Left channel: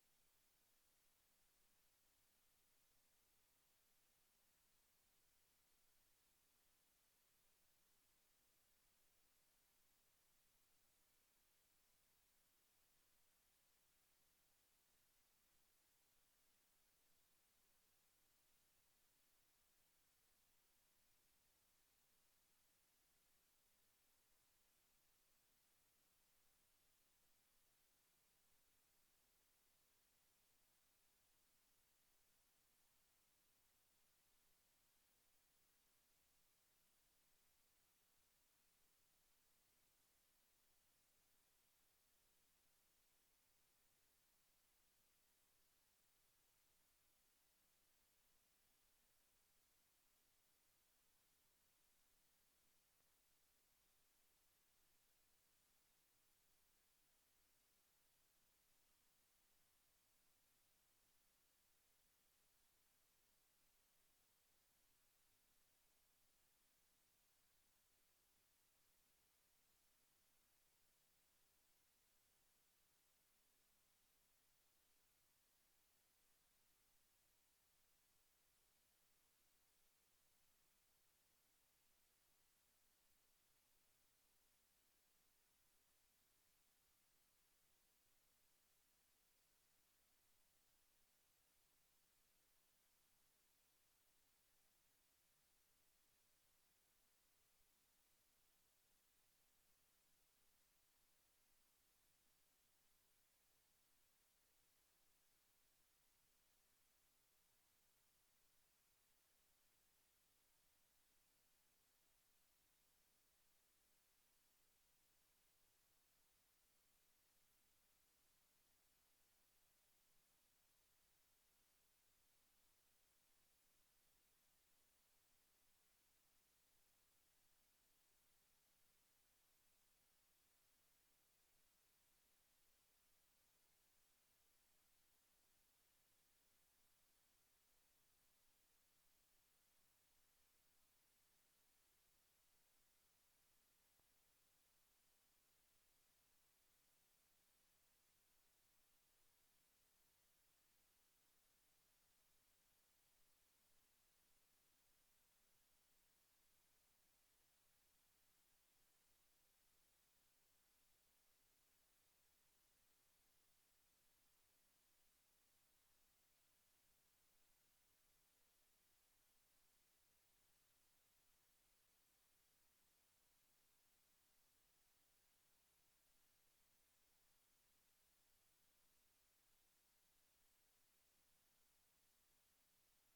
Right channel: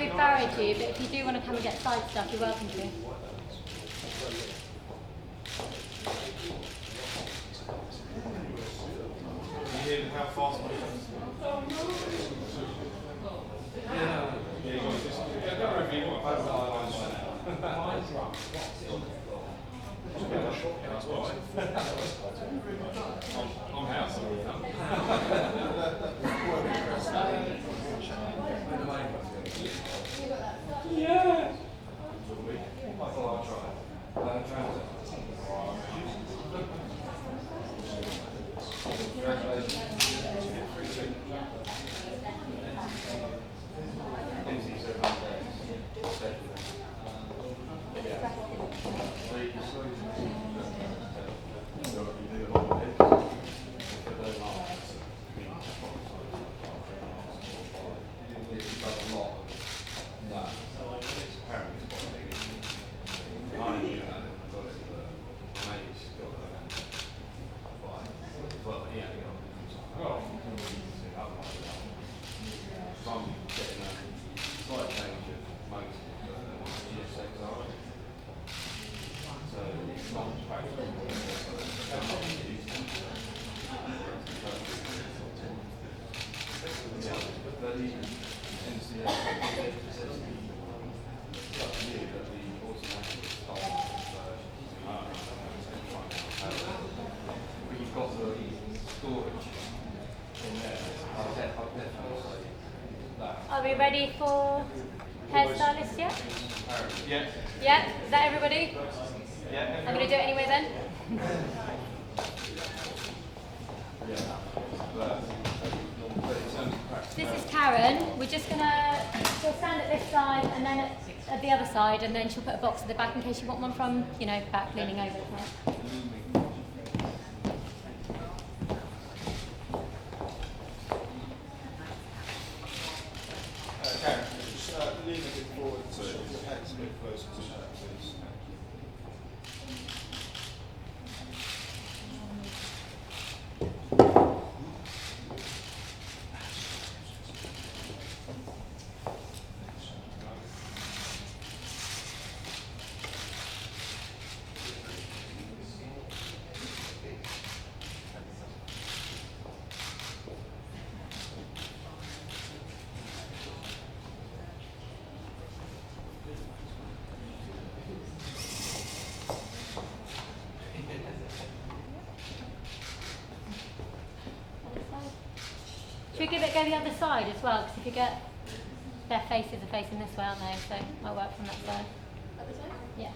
we've barred you, but if you do want to come and get side stuff, you're welcome to. How fast am I going? I'm house. Yeah. Are we ready for hairstylist yet? Yeah. Yeah? Is that everybody? Yeah. I'm going to do it anyway then. This is Karen. We're just going to, she'll stand at this side and then at the other side, and then she'll put a box at the back in case you want one from, you know, back leaning over. Okay? Karen, just lean a bit forward so your head's a bit closer to her, please. Should we give it a go the other side as well? Because if you get their faces are facing this way, aren't they? So it might work from that side. Other side? Yeah.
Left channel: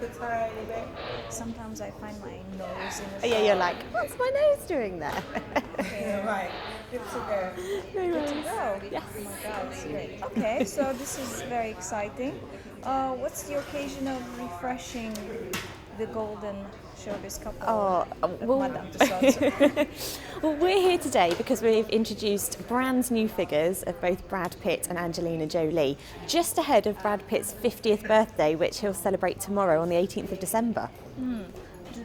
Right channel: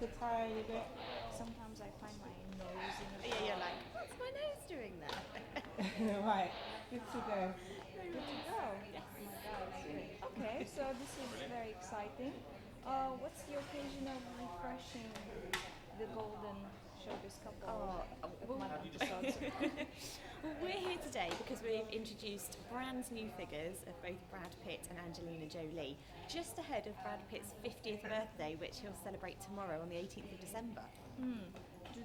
the tiny bit. Sometimes I find my nose in the Oh, yeah, you're like, what's my nose doing there? right. Good to go. Good to go. Yes. Oh my God, it's great. Okay, so this is very exciting. What's the occasion of refreshing the golden showbiz couple? Oh, well, Madame Tussauds. well, we're here today because we've introduced brand new figures of both Brad Pitt and Angelina Jolie, just ahead of Brad Pitt's 50th birthday, which he'll celebrate tomorrow on the 18th of December. Do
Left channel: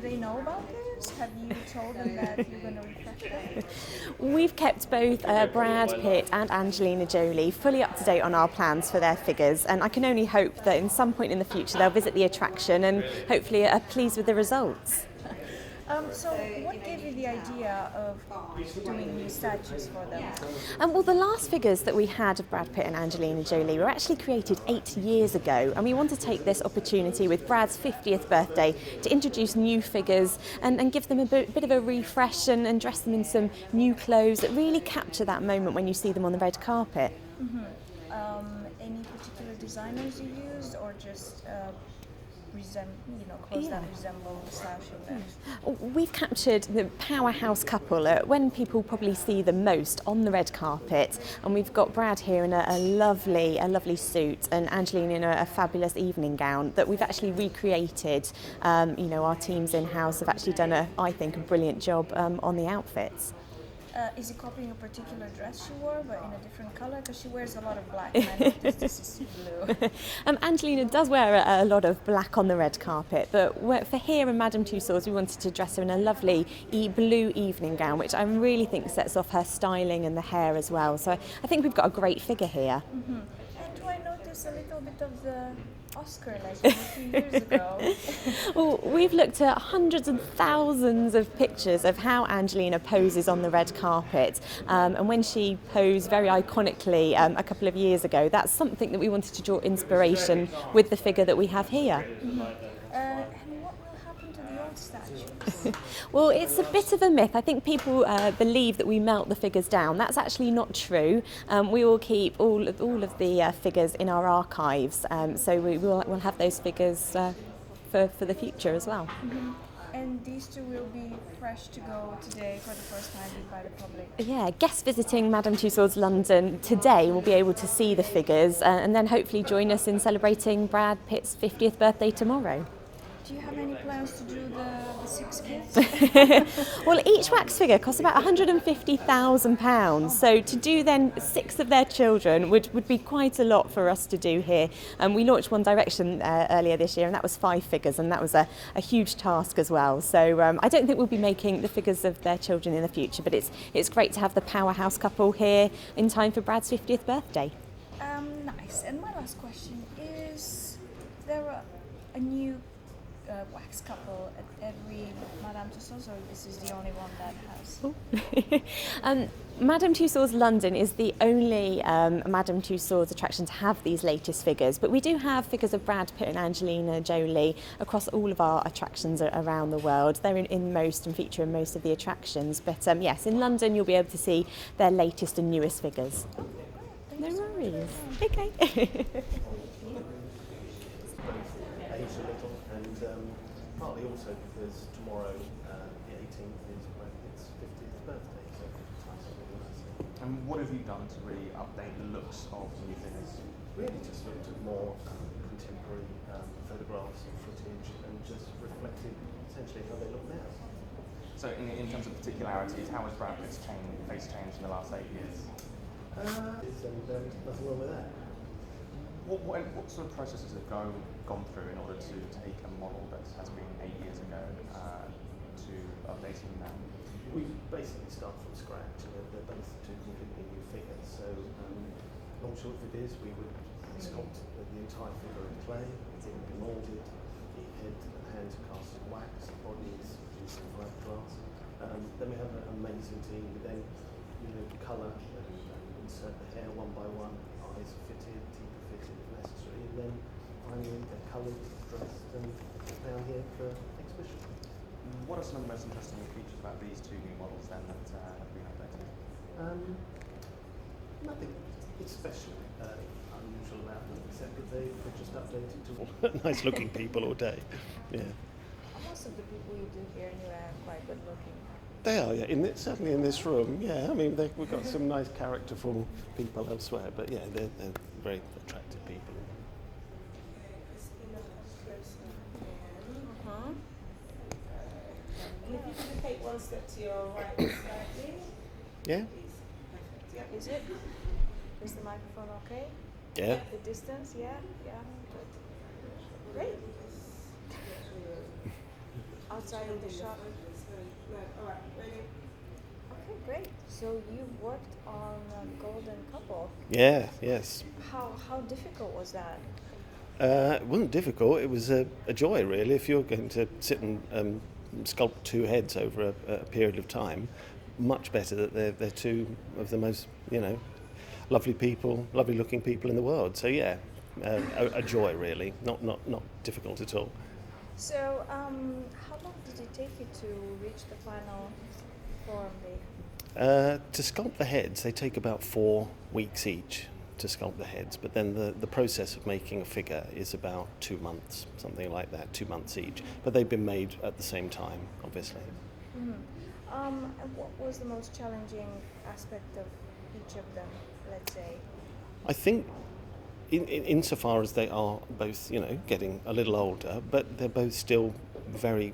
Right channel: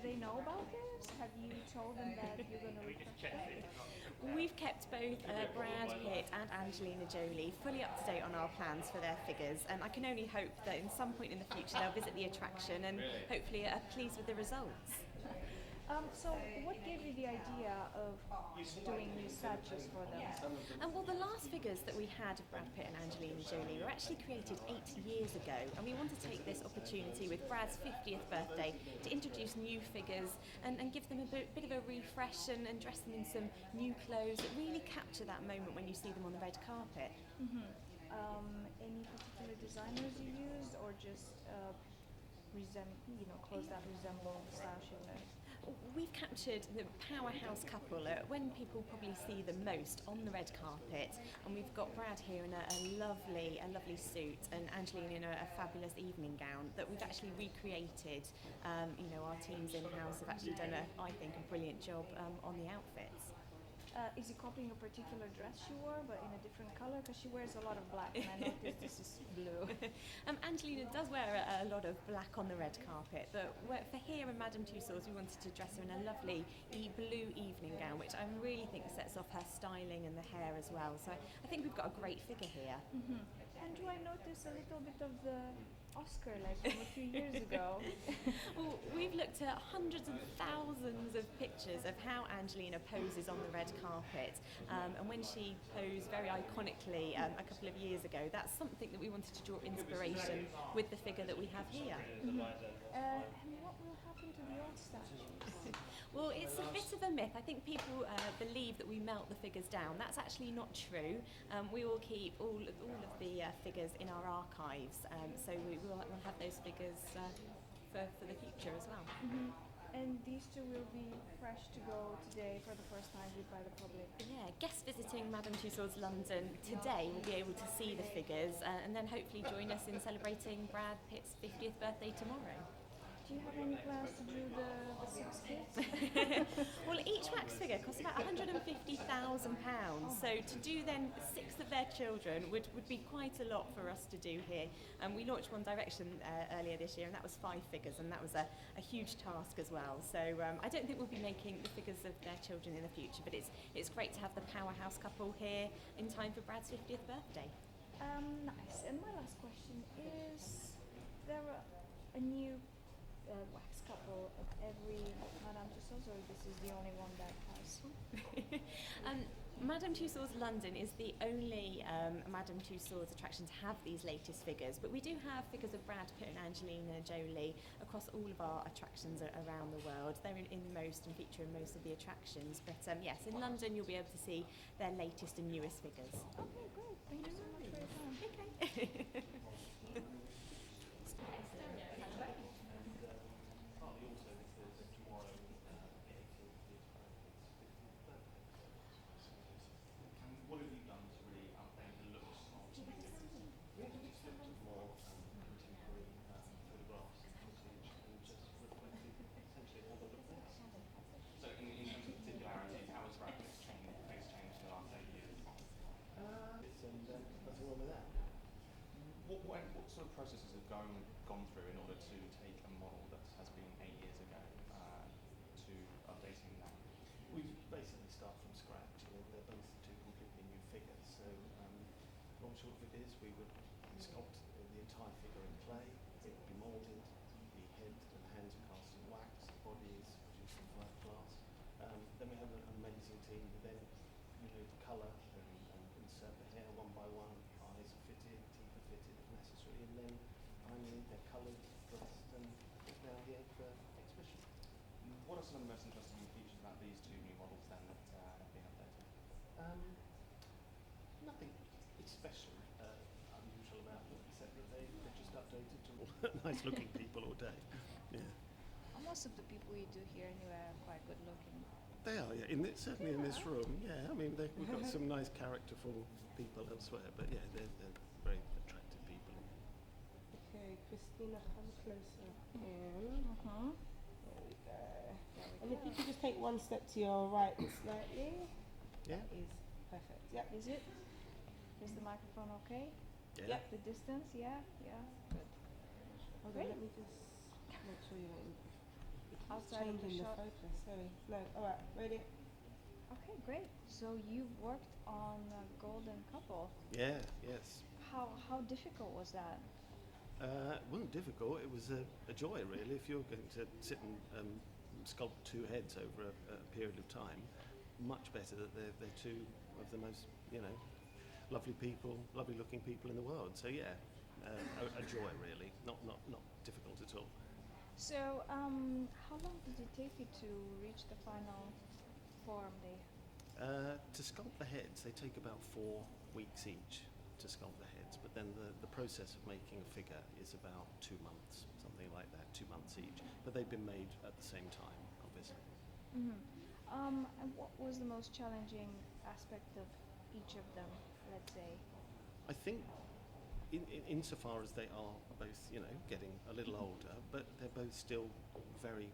they know about this? Have you told them that you're going to refresh them? We've kept both Brad Pitt and Angelina Jolie fully up to date on our plans for their figures, and I can only hope that in some point in the future they'll visit the attraction and hopefully are pleased with the results. So what gave you the idea of doing new statues for them? Well, the last figures that we had of Brad Pitt and Angelina Jolie were actually created 8 years ago, and we want to take this opportunity with Brad's 50th birthday to introduce new figures and give them a bit of a refresh and dress them in some new clothes that really capture that moment when you see them on the red carpet. Any particular designers you used, or just clothes that resemble statues? We've captured the powerhouse couple when people probably see them most on the red carpet, and we've got Brad here in a lovely suit and Angelina in a fabulous evening gown that we've actually recreated. Our teams in-house have actually done I think, a brilliant job on the outfits. Is he copying a particular dress she wore, but in a different colour? Because she wears a lot of black, and I noticed this is blue. Angelina does wear a lot of black on the red carpet, but for here in Madame Tussauds, we wanted to dress her in a lovely blue evening gown, which I really think sets off her styling and the hair as well. So I think we've got a great figure here. And do I notice a little bit of the Oscar like a few years ago? Well, we've looked at hundreds and thousands of pictures of how Angelina poses on the red carpet, and when she posed very iconically a couple of years ago, that's something that we wanted to draw inspiration with the figure that we have here. And what will happen to the old statues? Well, it's a bit of a myth. I think people believe that we melt the figures down. That's actually not true. We will keep all of the figures in our archives, so we'll have those figures for the future as well. And these two will be fresh to go today for the first time by the public. Yeah, guests visiting Madame Tussauds London today will be able to see the figures and then hopefully join us in celebrating Brad Pitt's 50th birthday tomorrow. Do you have any plans to do the 6 kids? Well, each wax figure costs about £150,000, so to do then 6 of their children would be quite a lot for us to do here. We launched One Direction earlier this year, and that was 5 figures, and that was a huge task as well. So I don't think we'll be making the figures of their children in the future, but it's great to have the powerhouse couple here in time for Brad's 50th birthday. Nice. And my last question is, there a new wax couple at every Madame Tussauds, or this is the only one that has? Madame Tussauds London is the only Madame Tussauds attraction to have these latest figures, but we do have figures of Brad Pitt and Angelina Jolie across all of our attractions around the world. They're in most and feature in most of the attractions, but yes, in London you'll be able to see their latest and newest figures. Okay, great. Thank No you so much for your worries. time. Okay. Aged a little, and partly also because tomorrow, the 18th, is Brad Pitt's 50th birthday, so ties up really nicely. And what have you done to really update the looks of the new figures? Really just looked at more contemporary photographs and footage and just reflected essentially how they look now. So in terms of particularities, how has Brad Pitt's face changed in the last 8 years? Nothing wrong with that. What sort of processes have gone through in order to take a model that has been 8 years ago to updating now? We basically start from scratch, and they're both two completely new figures. So, long short of it is, we would sculpt the entire figure in clay, it would be moulded, the head and hands are cast in wax, the body is produced in black glass. Then we have an amazing team. We then colour and insert the hair one by one, eyes are fitted, teeth are fitted if necessary, and then finally they're coloured, dressed, and put down here for exhibition. What are some of the most interesting features about these two new models then that have been updated? Nothing special, unusual about them, except that they're just just updated to all nice looking people all day. Yeah. Most of the people you do here anyway are quite good looking. They are, yeah. Certainly in this room, yeah. I mean, we've got some nice characterful people elsewhere, but yeah, they're very attractive people. Uh-huh. Take one step to your right slightly. Yeah, Please. Perfect. Is it? Is the microphone okay? yeah. The distance, yeah? Yeah. Great. Outside of the shot. No, alright, ready? Okay, great. So you worked on Golden Couple. Yeah, yes. How difficult was that? It wasn't difficult. It was a joy, really. If you're going to sit and sculpt two heads over a period of time, much better that they're two of the most, lovely people, lovely-looking people in the world. So yeah, a joy, really. Not difficult at all. So how long did it take you to reach the final form, Dave? To sculpt the heads, they take about 4 weeks each to sculpt the heads, but then the process of making a figure is about 2 months, something like that, 2 months each. But they've been made at the same time, obviously. Mm-hmm. And what was the most challenging aspect of each of them, let's say? I think insofar as they are both, getting a little older, but they're both still very,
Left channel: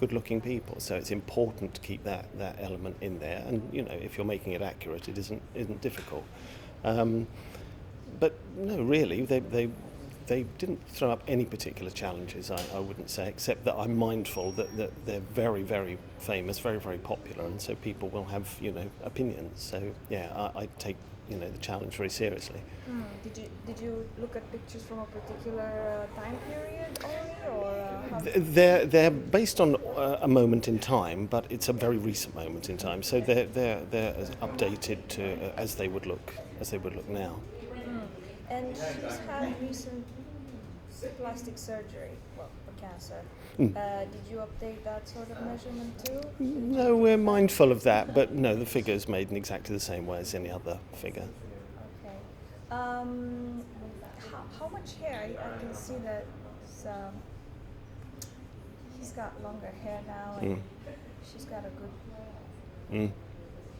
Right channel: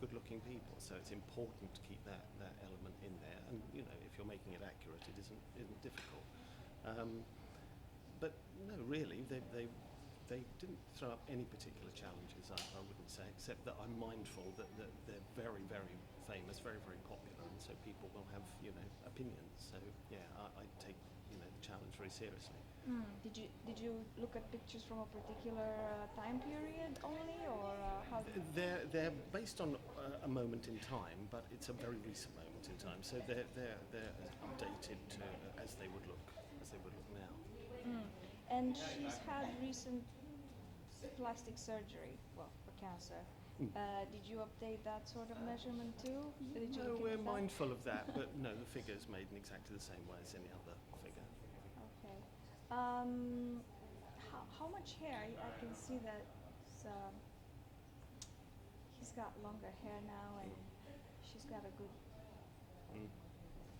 good-looking people. So it's important to keep that element in there. And if you're making it accurate, it isn't difficult. But no, really, they didn't throw up any particular challenges. I wouldn't say, except that I'm mindful that they're very, very famous, very, very popular, and so people will have opinions. So yeah, I take the challenge very seriously. Did you look at pictures from a particular time period only, or how They're based on a moment in time, but it's a very recent moment in time. So they're as updated to as they would look now. And she's had recent plastic surgery, well, for cancer. Did you update that sort of measurement too? No, we're mindful of that, but no, the figure is made in exactly the same way as any other figure. Okay. How much hair? I can see that he's got longer hair now, and she's got a good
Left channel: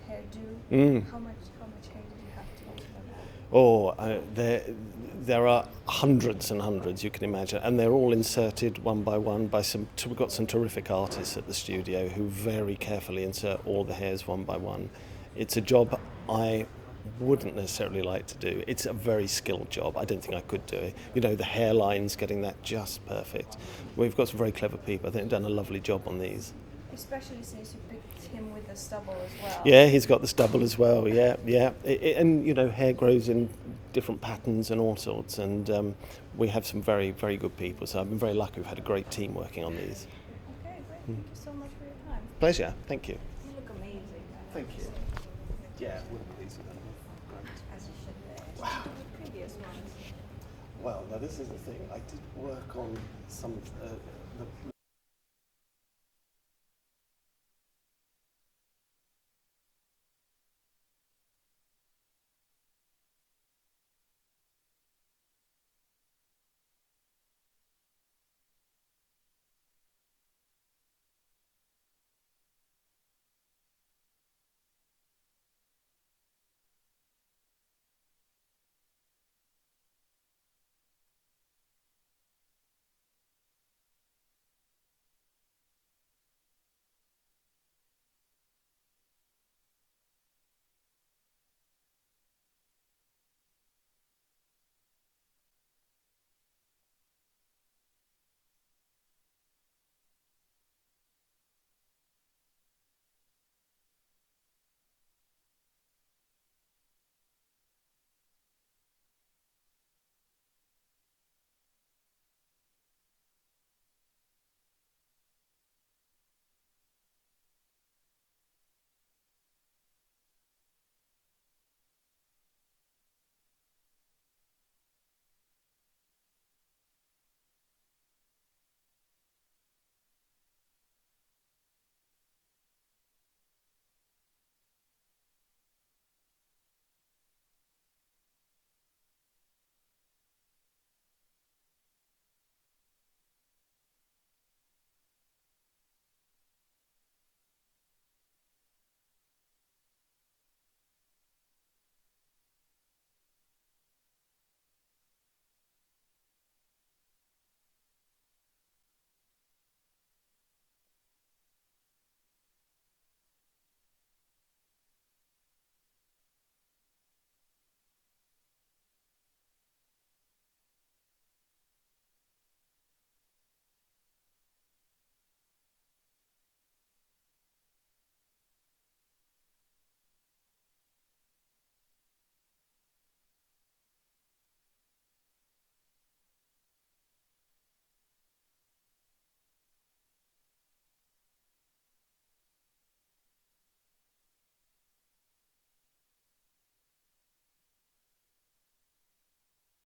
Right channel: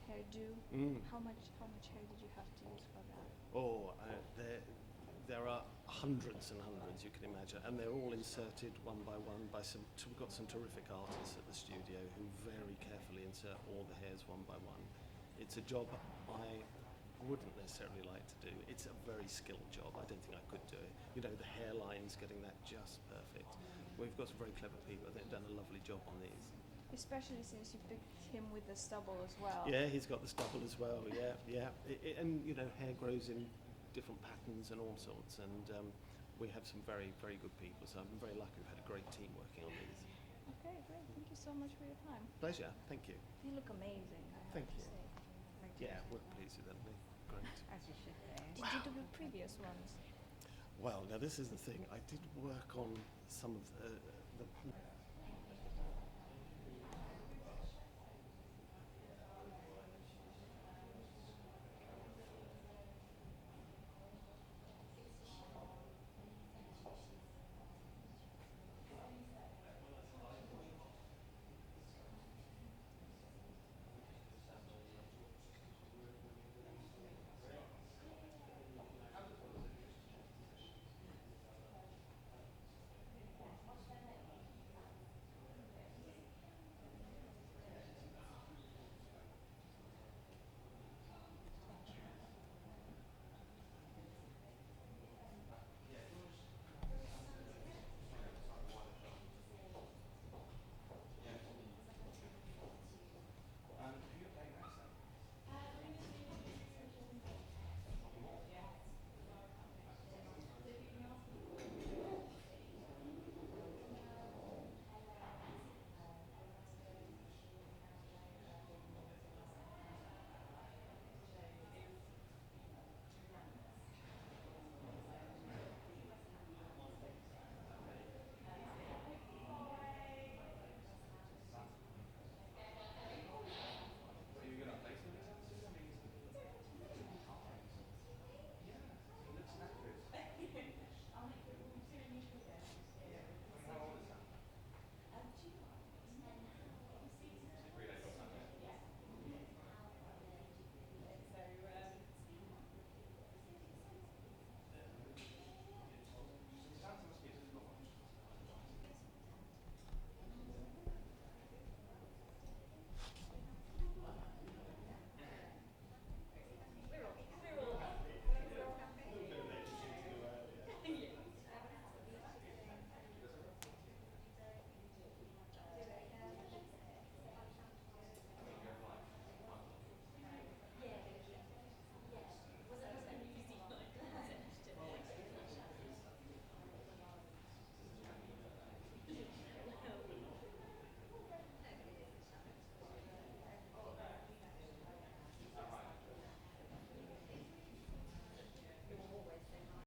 hairdo. How much hair did you have to use for that? There are hundreds and hundreds, you can imagine, and they're all inserted one by one by we've got some terrific artists at the studio who very carefully insert all the hairs one by one. It's a job I wouldn't necessarily like to do. It's a very skilled job. I don't think I could do it. The hairlines, getting that just perfect. We've got some very clever people. I think they've done a lovely job on these. Especially since you picked him with the stubble as well. Yeah, he's got the stubble as well. Yeah. And hair grows in different patterns and all sorts. And we have some very, very good people. So I've been very lucky. We've had a great team working on these. Okay, great. Thank you so much for your time. Pleasure. Thank you. You look amazing. Thank you. Yeah, we're pleased with them. Great. As you should be. Did you do with previous ones? Well, now this is the thing. I did work on some of the